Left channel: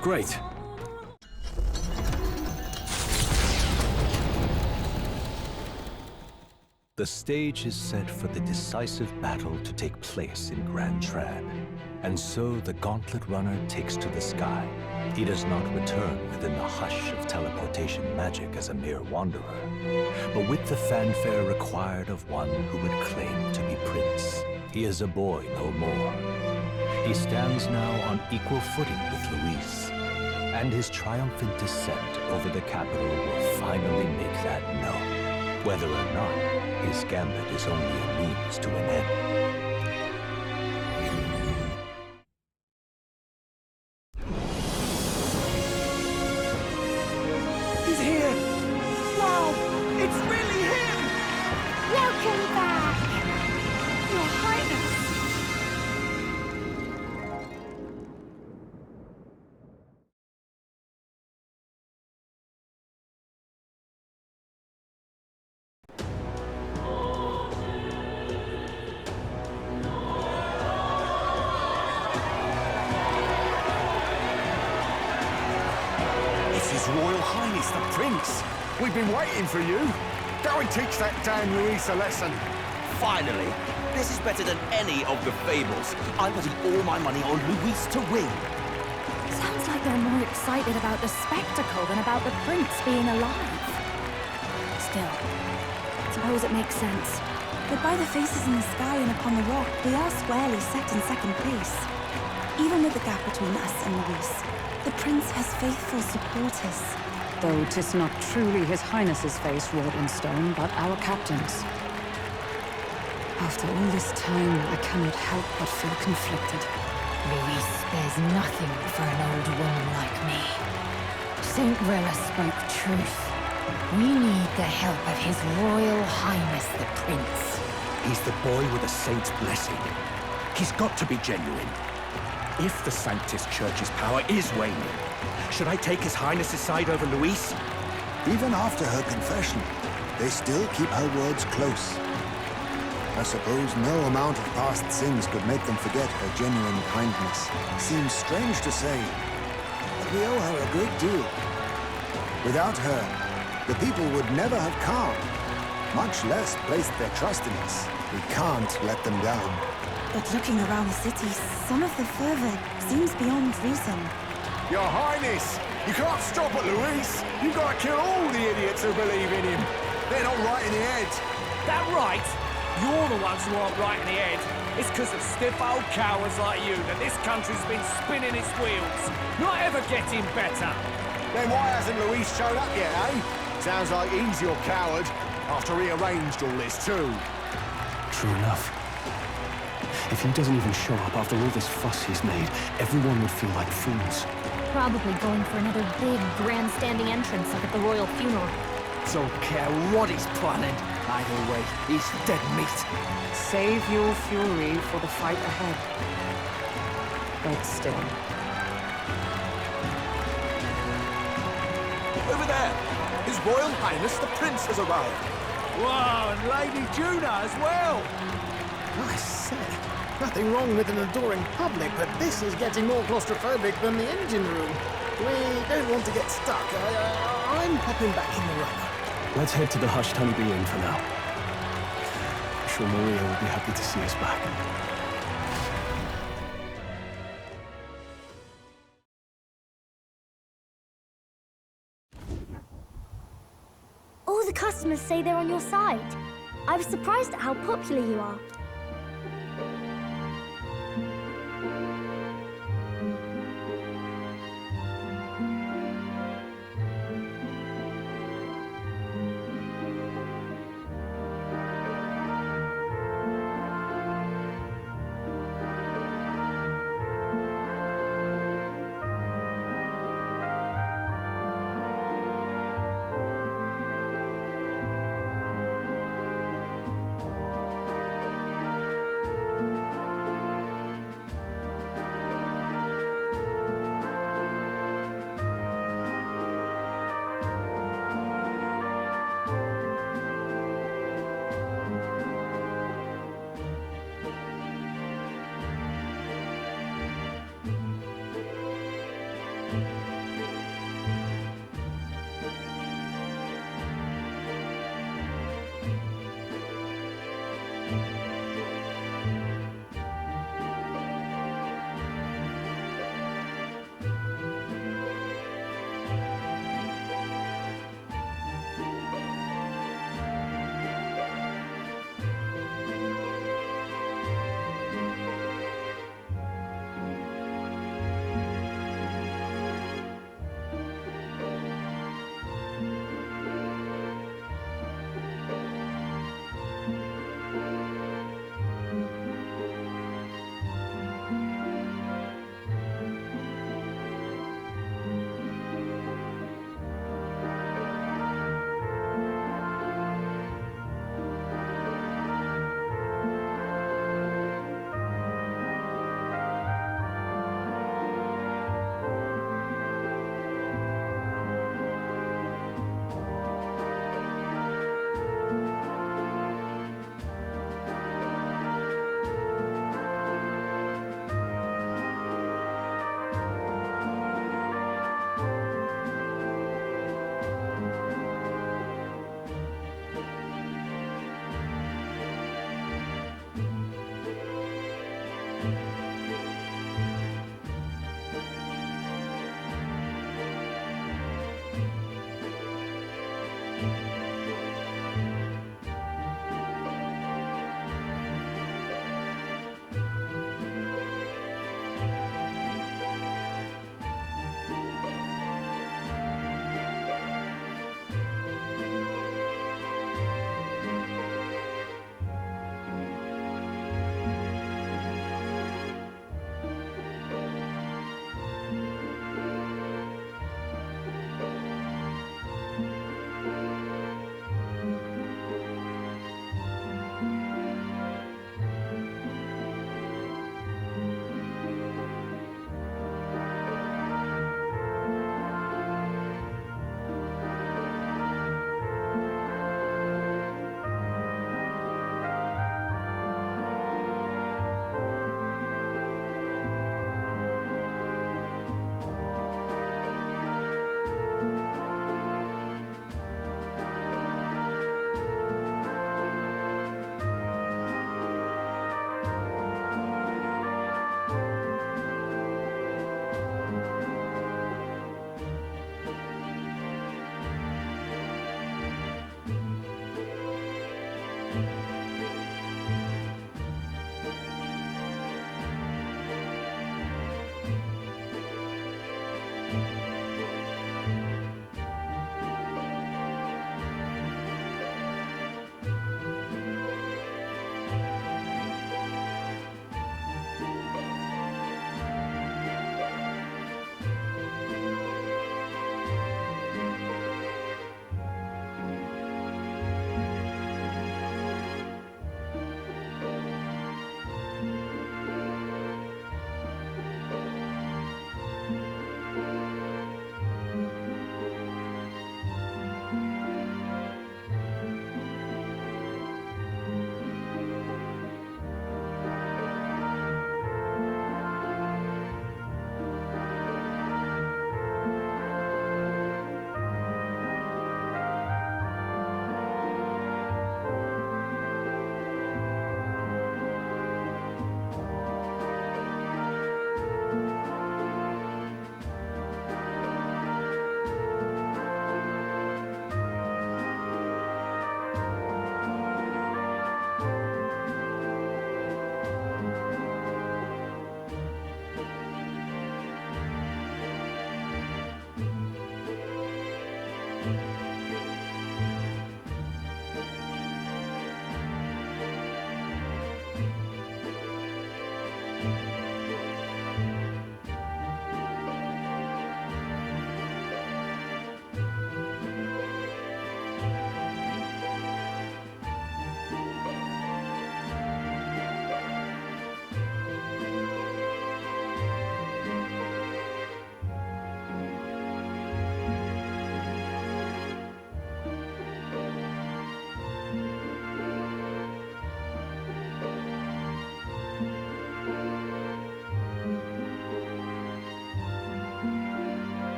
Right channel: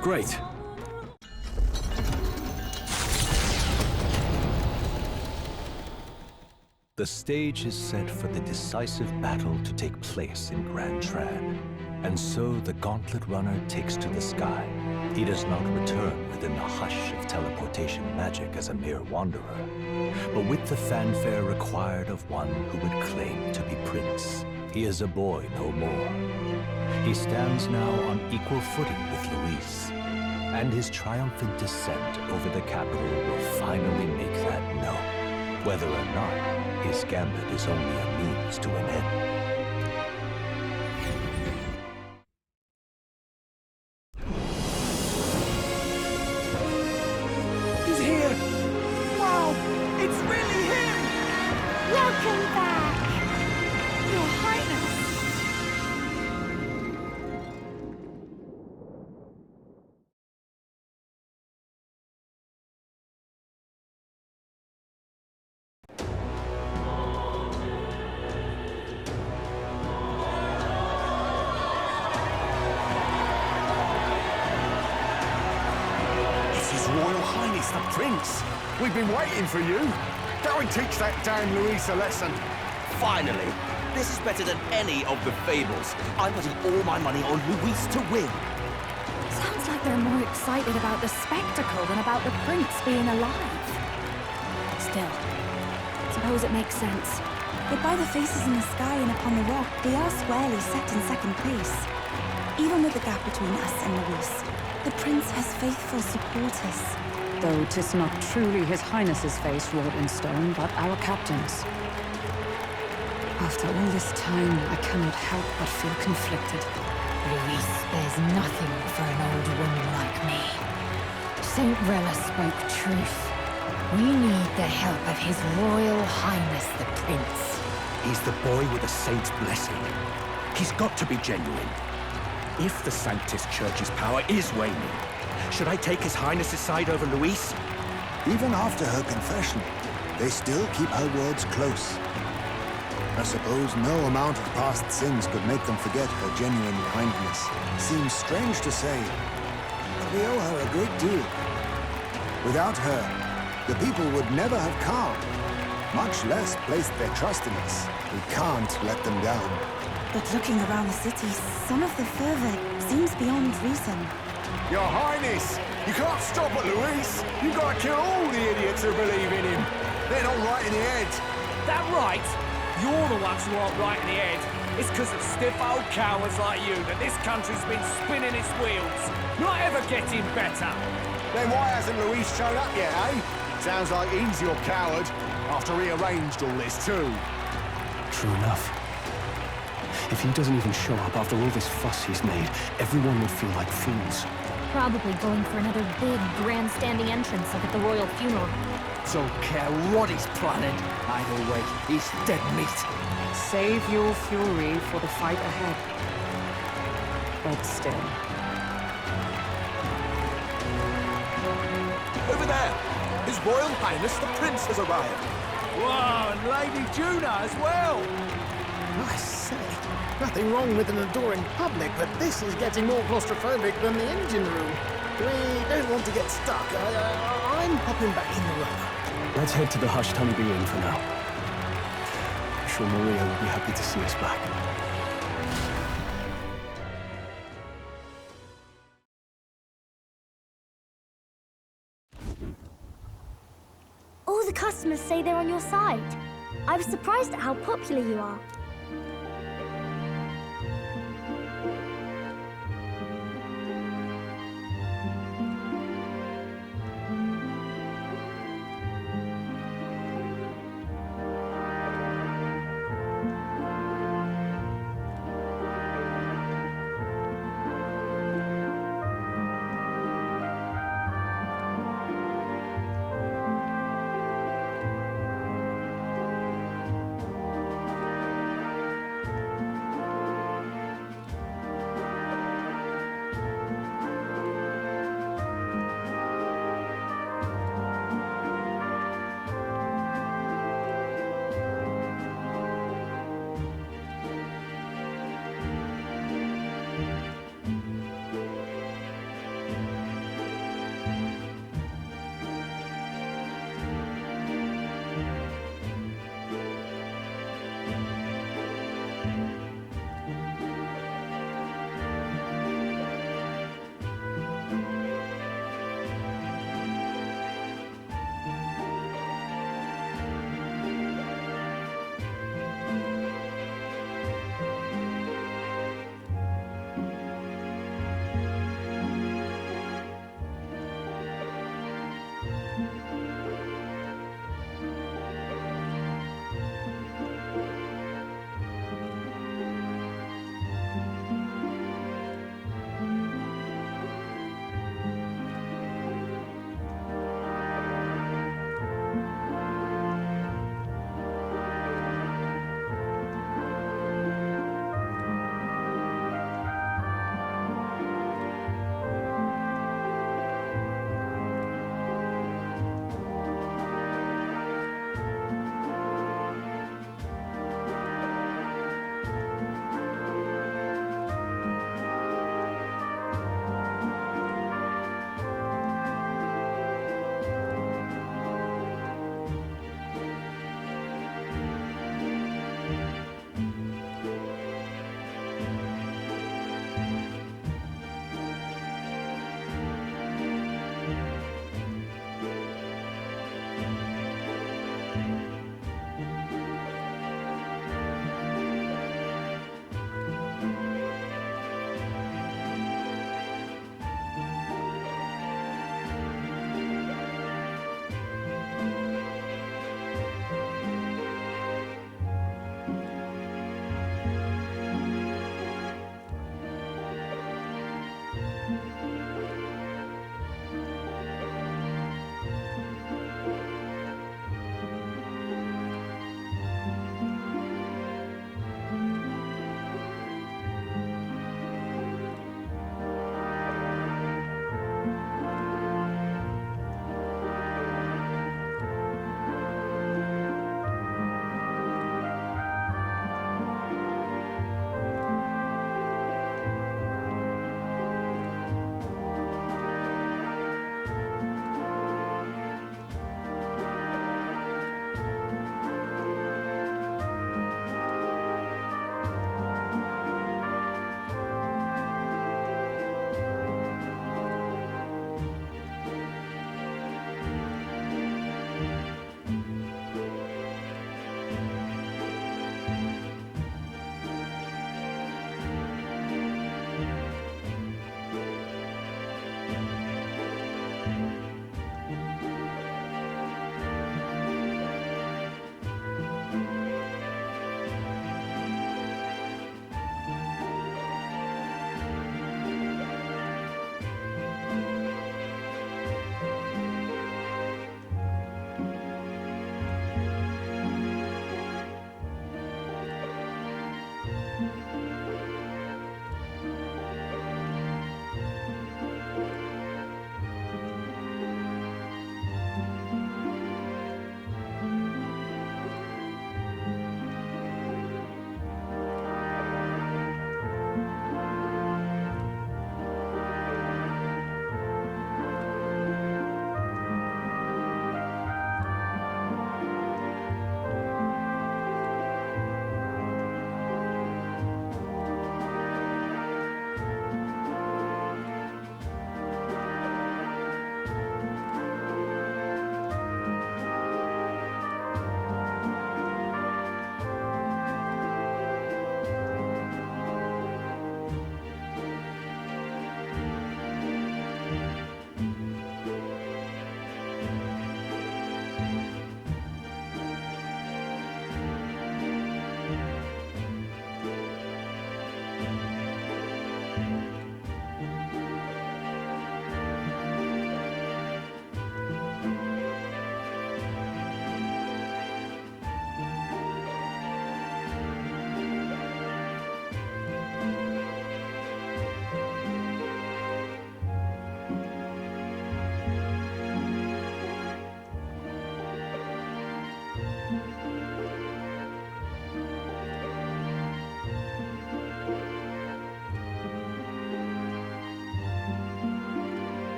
Great. The stage is set for the decisive battle to take place in Grand Trad. And so the Gauntlet Runner takes to the sky. He does not return within the hush of teleportation magic as a mere wanderer, but with the fanfare required of one who would claim to be Prince. He is a boy no more. He stands now on equal footing with Luis, and his triumphant descent over the capital will finally make that known, whether or not his gambit is only a means to an end. He's here! Wow! It's really him! Welcome back! Your Highness! It's His Royal Highness the Prince! We've been waiting for you! Go and teach that damn Luis a lesson! Finally! This is better than any of the fables. I'm putting all my money on Luis to win. Sounds like they're more excited about the spectacle than about the prince being alive. Still, suppose it makes sense. But by the faces in the sky and upon the rock, they are squarely set in second place. Even with the gap between us and Luis, the prince has faithful supporters. Though 'tis not truly His Highness's face wrought in stone, but our captain's. After all this time, I cannot help but feel conflicted. Luis, there's nothing for an old woman like me. Saint Rella spoke truth. We need the help of His Royal Highness the Prince. He's the boy with the saint's blessing. He's got to be genuine. If the Sanctus Church's power is waning, should I take His Highness's side over Luis? Even after her confession, they still keep her words close. I suppose no amount of past sins could make them forget her genuine kindness. Seems strange to say, but we owe her a great deal. Without her, the people would never have calmed, much less placed their trust in us. We can't let them down. But looking around the city, some of the fervor seems beyond reason. Your Highness! You can't stop at Luis! You've got to kill all the idiots who believe in him! They're not right in the head! That right? You're the ones who aren't right in the head. It's because of stiff old cowards like you that this country's been spinning its wheels. Not ever getting better. Then why hasn't Luis shown up yet, eh? Sounds like he's your coward, after he arranged all this too. True enough. If he doesn't even show up after all this fuss he's made, everyone would feel like fools. Probably going for another big, grandstanding entrance like at the royal funeral. Don't care what he's planning. Either way, he's dead meat. Save your fury for the fight ahead. But still. Over there! His Royal Highness the Prince has arrived. Whoa, and Lady Juna as well! I say, nothing wrong with an adoring public, but this is getting more claustrophobic than the engine room. We don't want to get stuck. I'm hopping back in the runner. Let's head to the Hushed Honeybee Inn for now. I'm sure Maria will be happy to see us back. All the customers say they're on your side. I was surprised at how popular you are.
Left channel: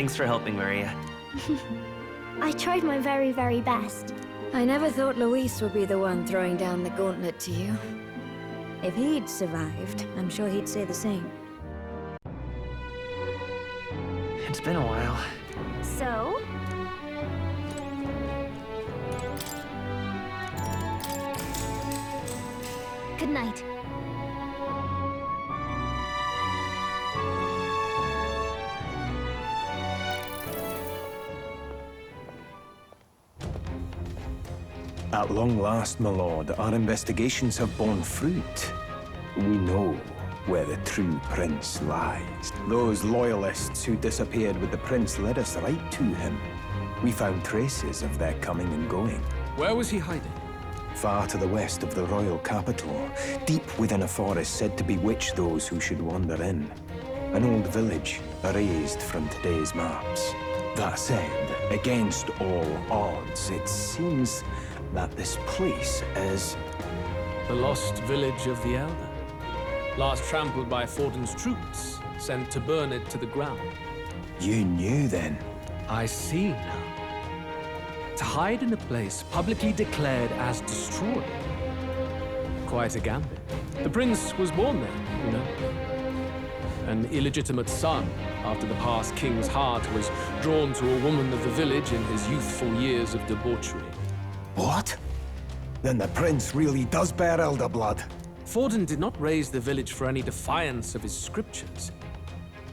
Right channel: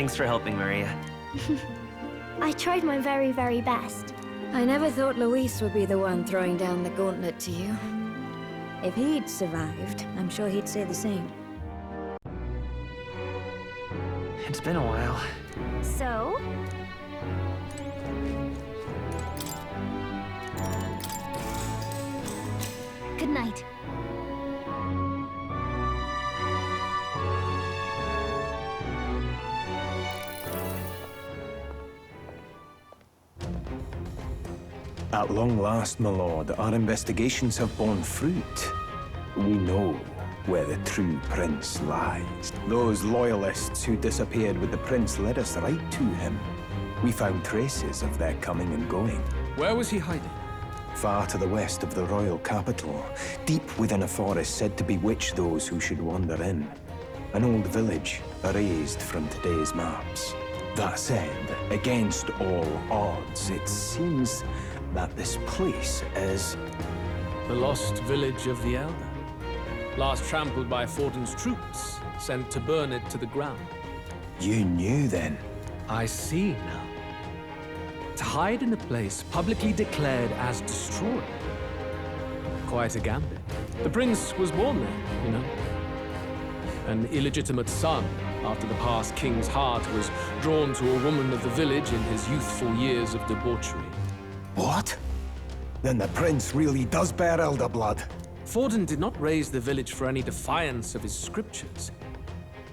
Thanks for helping, Maria. I tried my very, very best. I never thought Luis would be the one throwing down the gauntlet to you. If he'd survived, I'm sure he'd say the same. It's been a while. So? Good night. At long last, my lord, our investigations have borne fruit. We know where the true prince lies. Those loyalists who disappeared with the prince led us right to him. We found traces of their coming and going. Where was he hiding? Far to the west of the royal capital, deep within a forest said to bewitch those who should wander in. An old village, erased from today's maps. That said, against all odds, it seems that this place is... The lost village of the Elder. Last trampled by Fortin's troops, sent to burn it to the ground. You knew then? I see now. To hide in a place publicly declared as destroyed. Quite a gambit. The prince was born there, you know. An illegitimate son, after the past king's heart was drawn to a woman of the village in his youthful years of debauchery. What? Then the prince really does bear elder blood. Fortin did not raise the village for any defiance of his scriptures.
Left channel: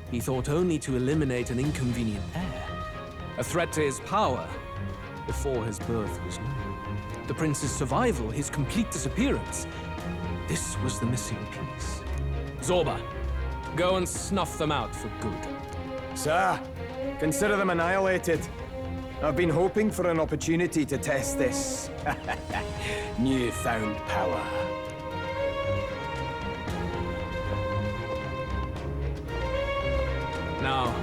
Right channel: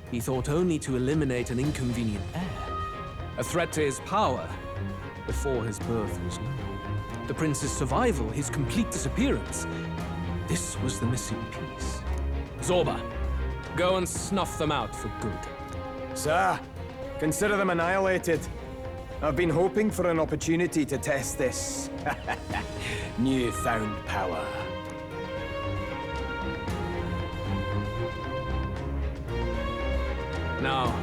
He thought only to eliminate an inconvenient heir, a threat to his power, before his birth was known. The prince's survival, his complete disappearance, this was the missing piece. Zorba, go and snuff them out for good. Sir, consider them annihilated. I've been hoping for an opportunity to test this newfound power. Now,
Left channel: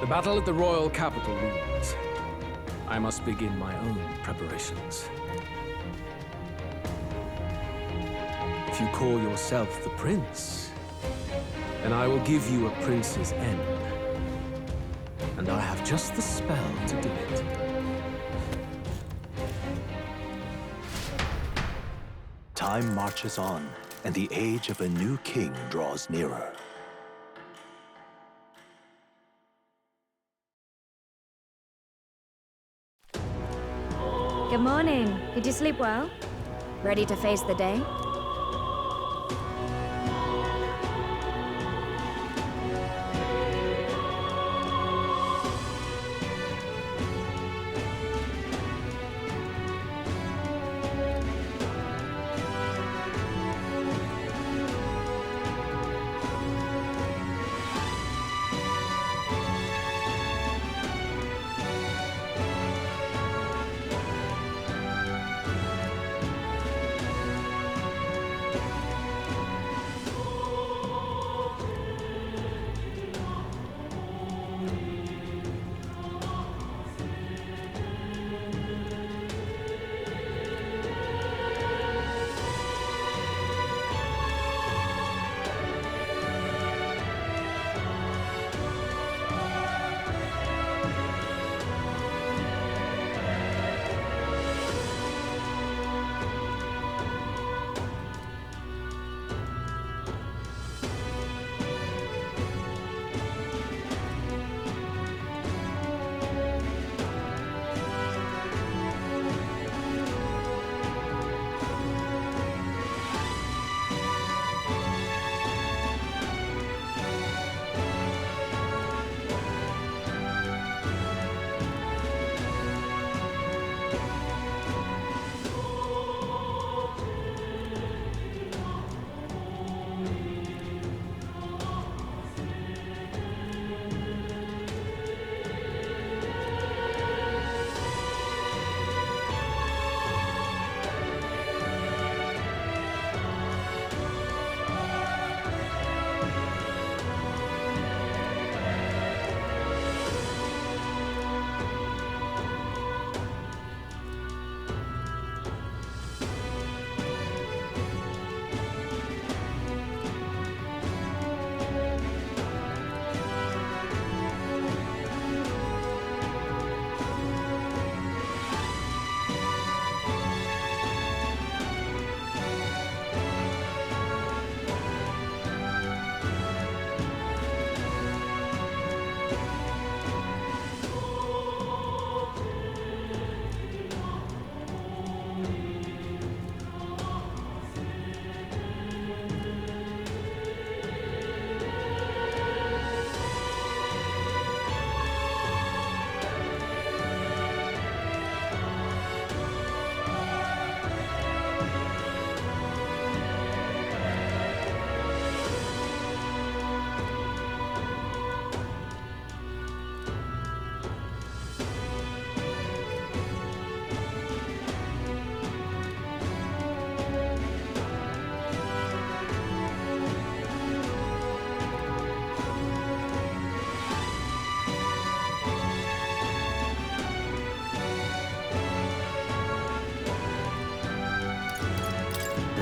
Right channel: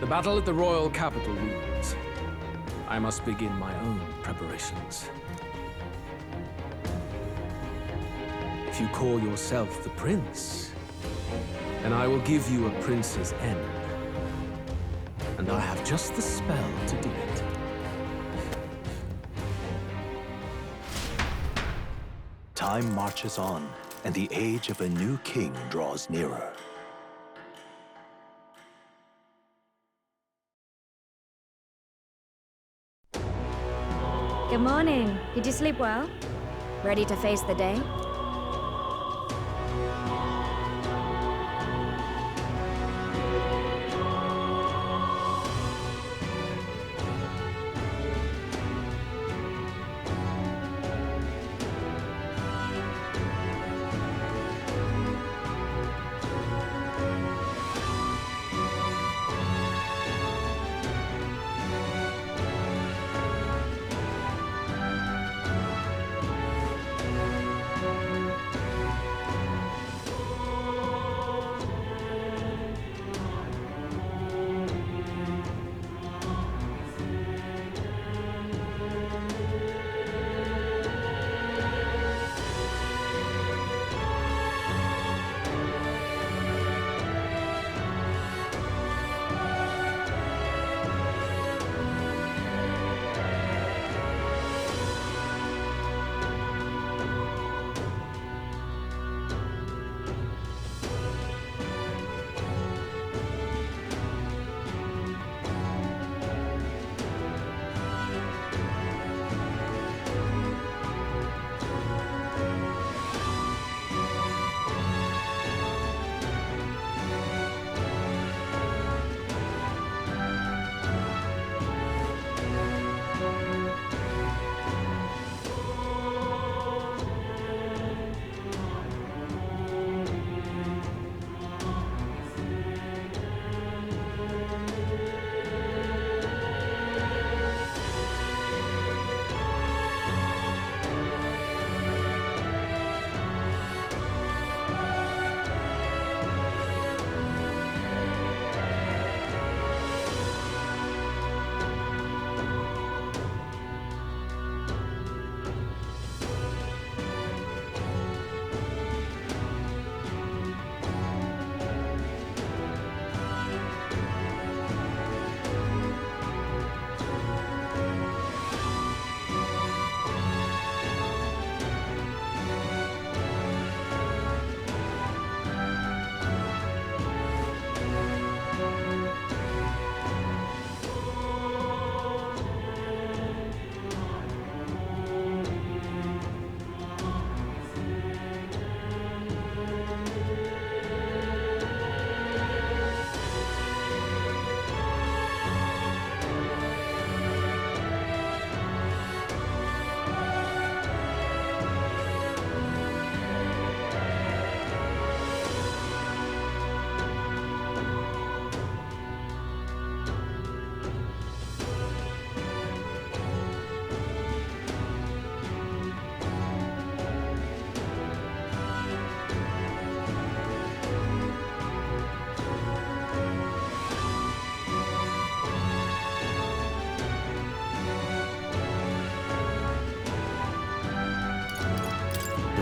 the battle at the royal capital looms. I must begin my own preparations. If you call yourself the prince, then I will give you a prince's end. And I have just the spell to do it. Time marches on, and the age of a new king draws nearer. Good morning. Did you sleep well? Ready to face the day?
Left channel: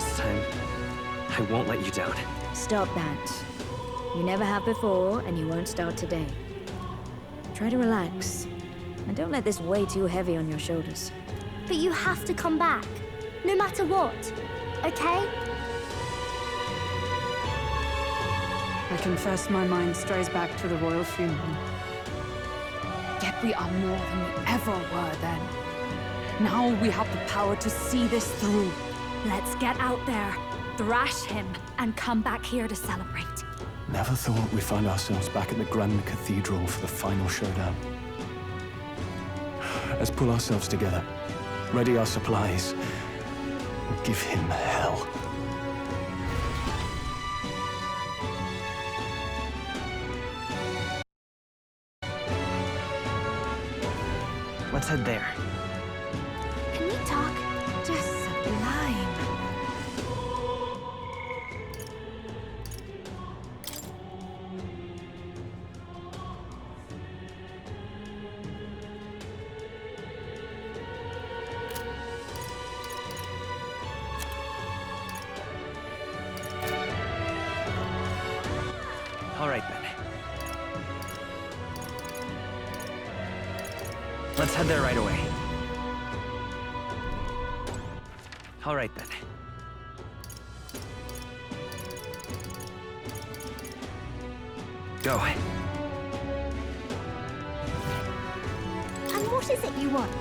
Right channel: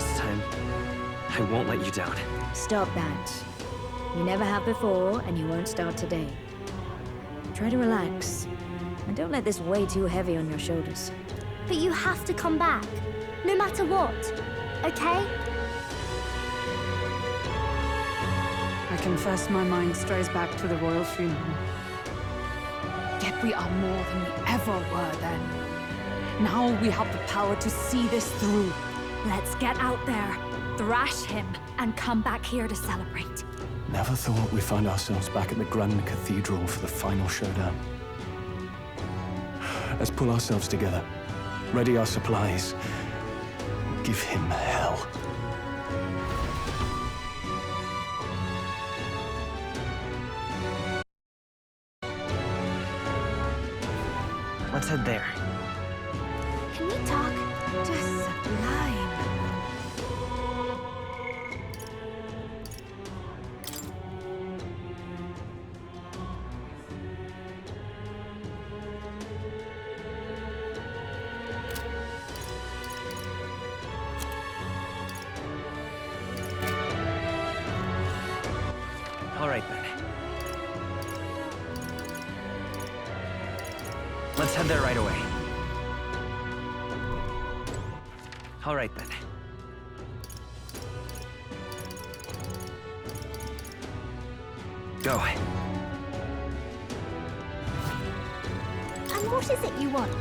This time, I won't let you down. Stop that. You never have before, and you won't start today. Try to relax, and don't let this weigh too heavy on your shoulders. But you have to come back, no matter what, okay? I confess my mind strays back to the royal funeral. Yet we are more than we ever were then. Now we have the power to see this through. Let's get out there, thrash him, and come back here to celebrate. Never thought we'd find ourselves back at the Grand Cathedral for the final showdown. Let's pull ourselves together, ready our supplies, and give him hell. Let's head there. Can we talk? Just sublime. All right, then. Let's head there right away. All right, then. Go. And what is it you want?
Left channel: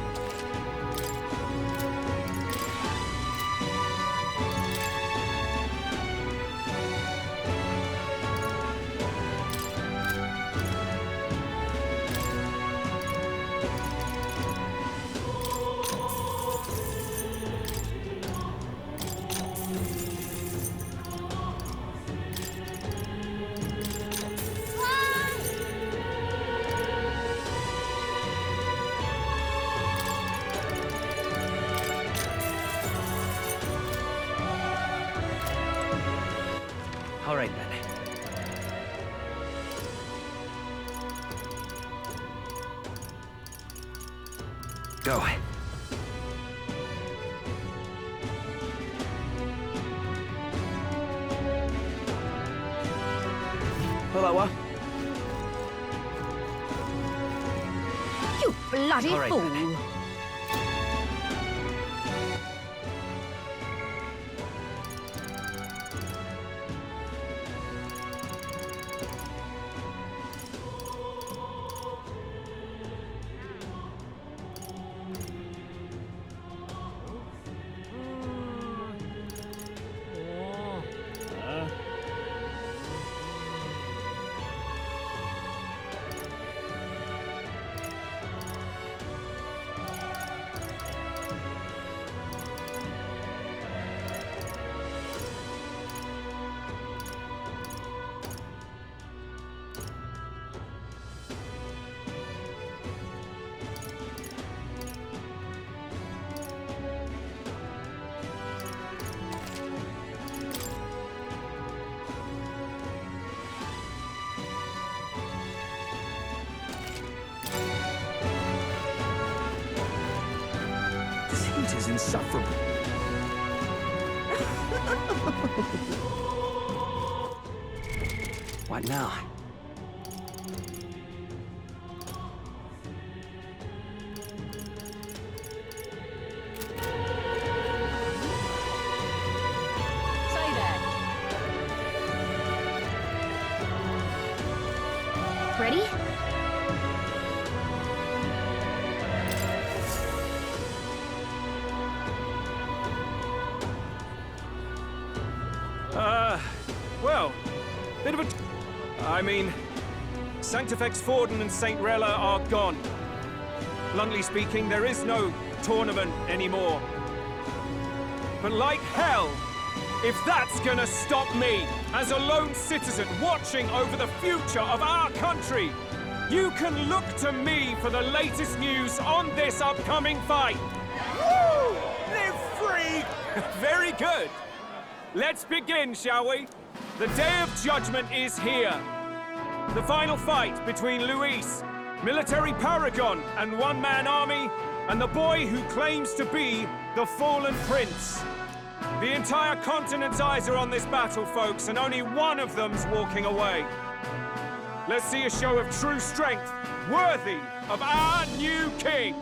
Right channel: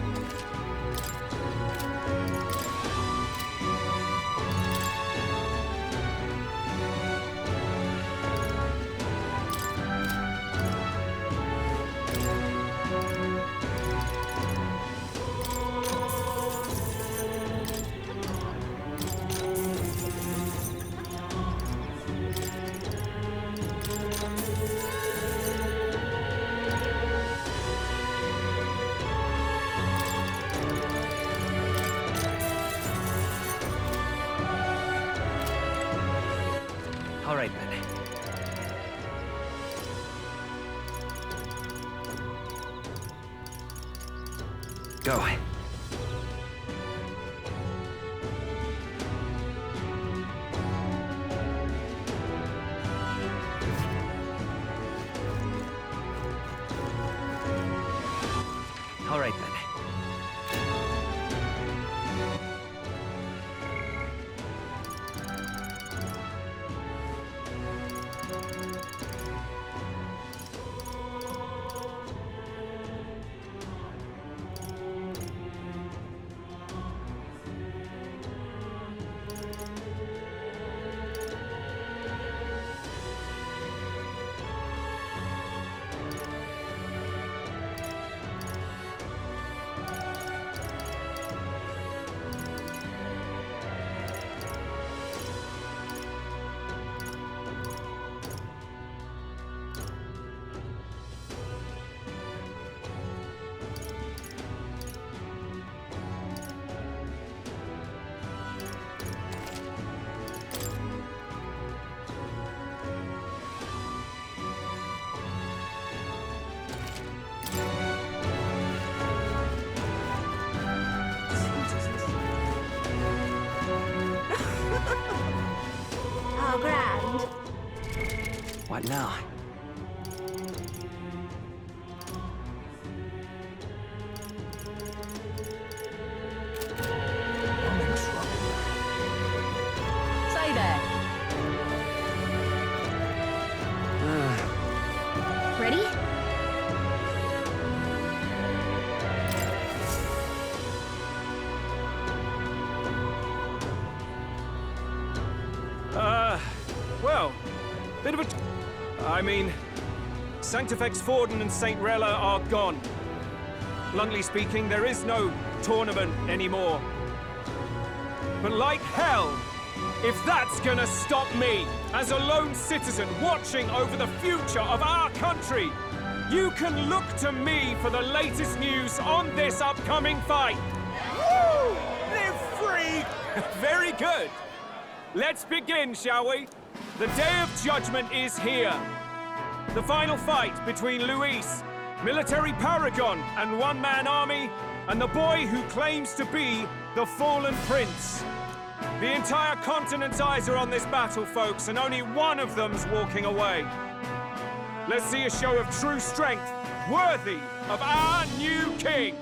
All right, then. Go. Hello, You bloody All right, fool. then. is insufferable. Oh, grand. What now? Stay there. Ready? Well, bit of a... I mean, Sanctifex Forden and St. Rella are gone. Bluntly speaking, there is no tournament anymore. But like hell, if that's gonna stop me, as a lone citizen watching over the future of our country, you can look to me for the latest news on this upcoming fight. Woo! Live free! Very good. Let's begin, shall we? The Day of Judgment is here. The final fight between Luis, military paragon and one-man army, and the boy who claims to be the fallen prince. The entire continent's eyes are on this battle, folks, and only one of them's walking away. Let's see a show of true strength, worthy of our new king.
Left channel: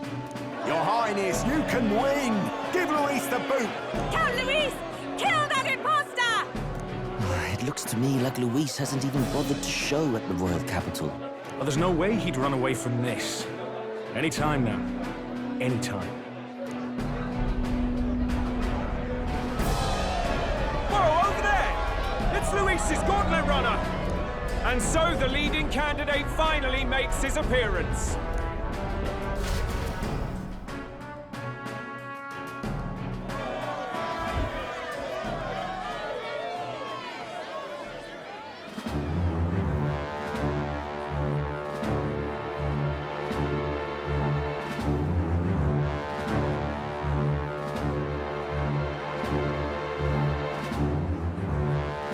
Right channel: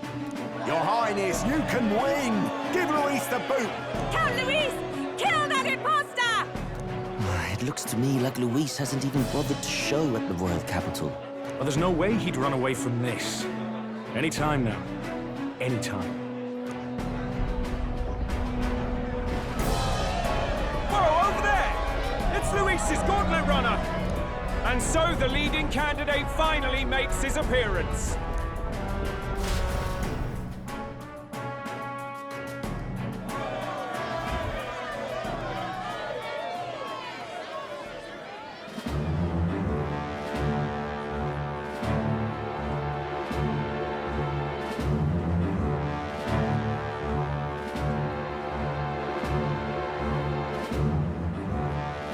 Your Highness, you can win! Give Luis the boot! Count Luis! Kill that imposter! It looks to me like Luis hasn't even bothered to show at the royal capital. Well, there's no way he'd run away from this. Any time now. Any time. Whoa, over there! It's Luis's gauntlet runner! And so the leading candidate finally makes his appearance.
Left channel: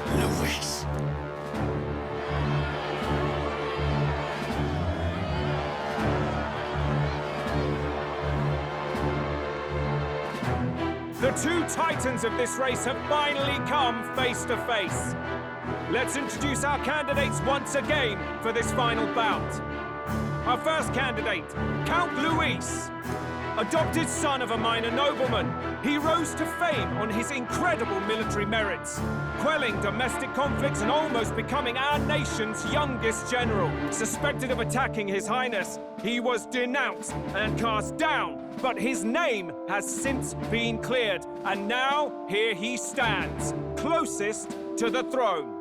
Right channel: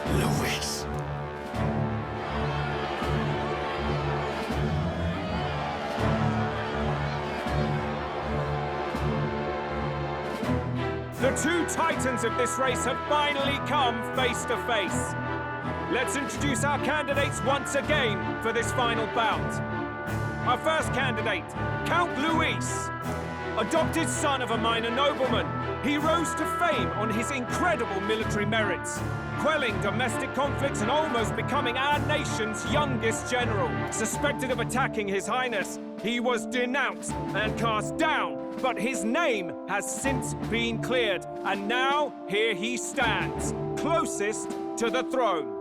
Luis. The two titans of this race have finally come face to face. Let's introduce our candidates once again for this final bout. Our first candidate, Count Luis. Adopted son of a minor nobleman, he rose to fame on his incredible military merits, quelling domestic conflicts and almost becoming our nation's youngest general. Suspected of attacking His Highness, he was denounced and cast down, but his name has since been cleared, and now here he stands, closest to the throne.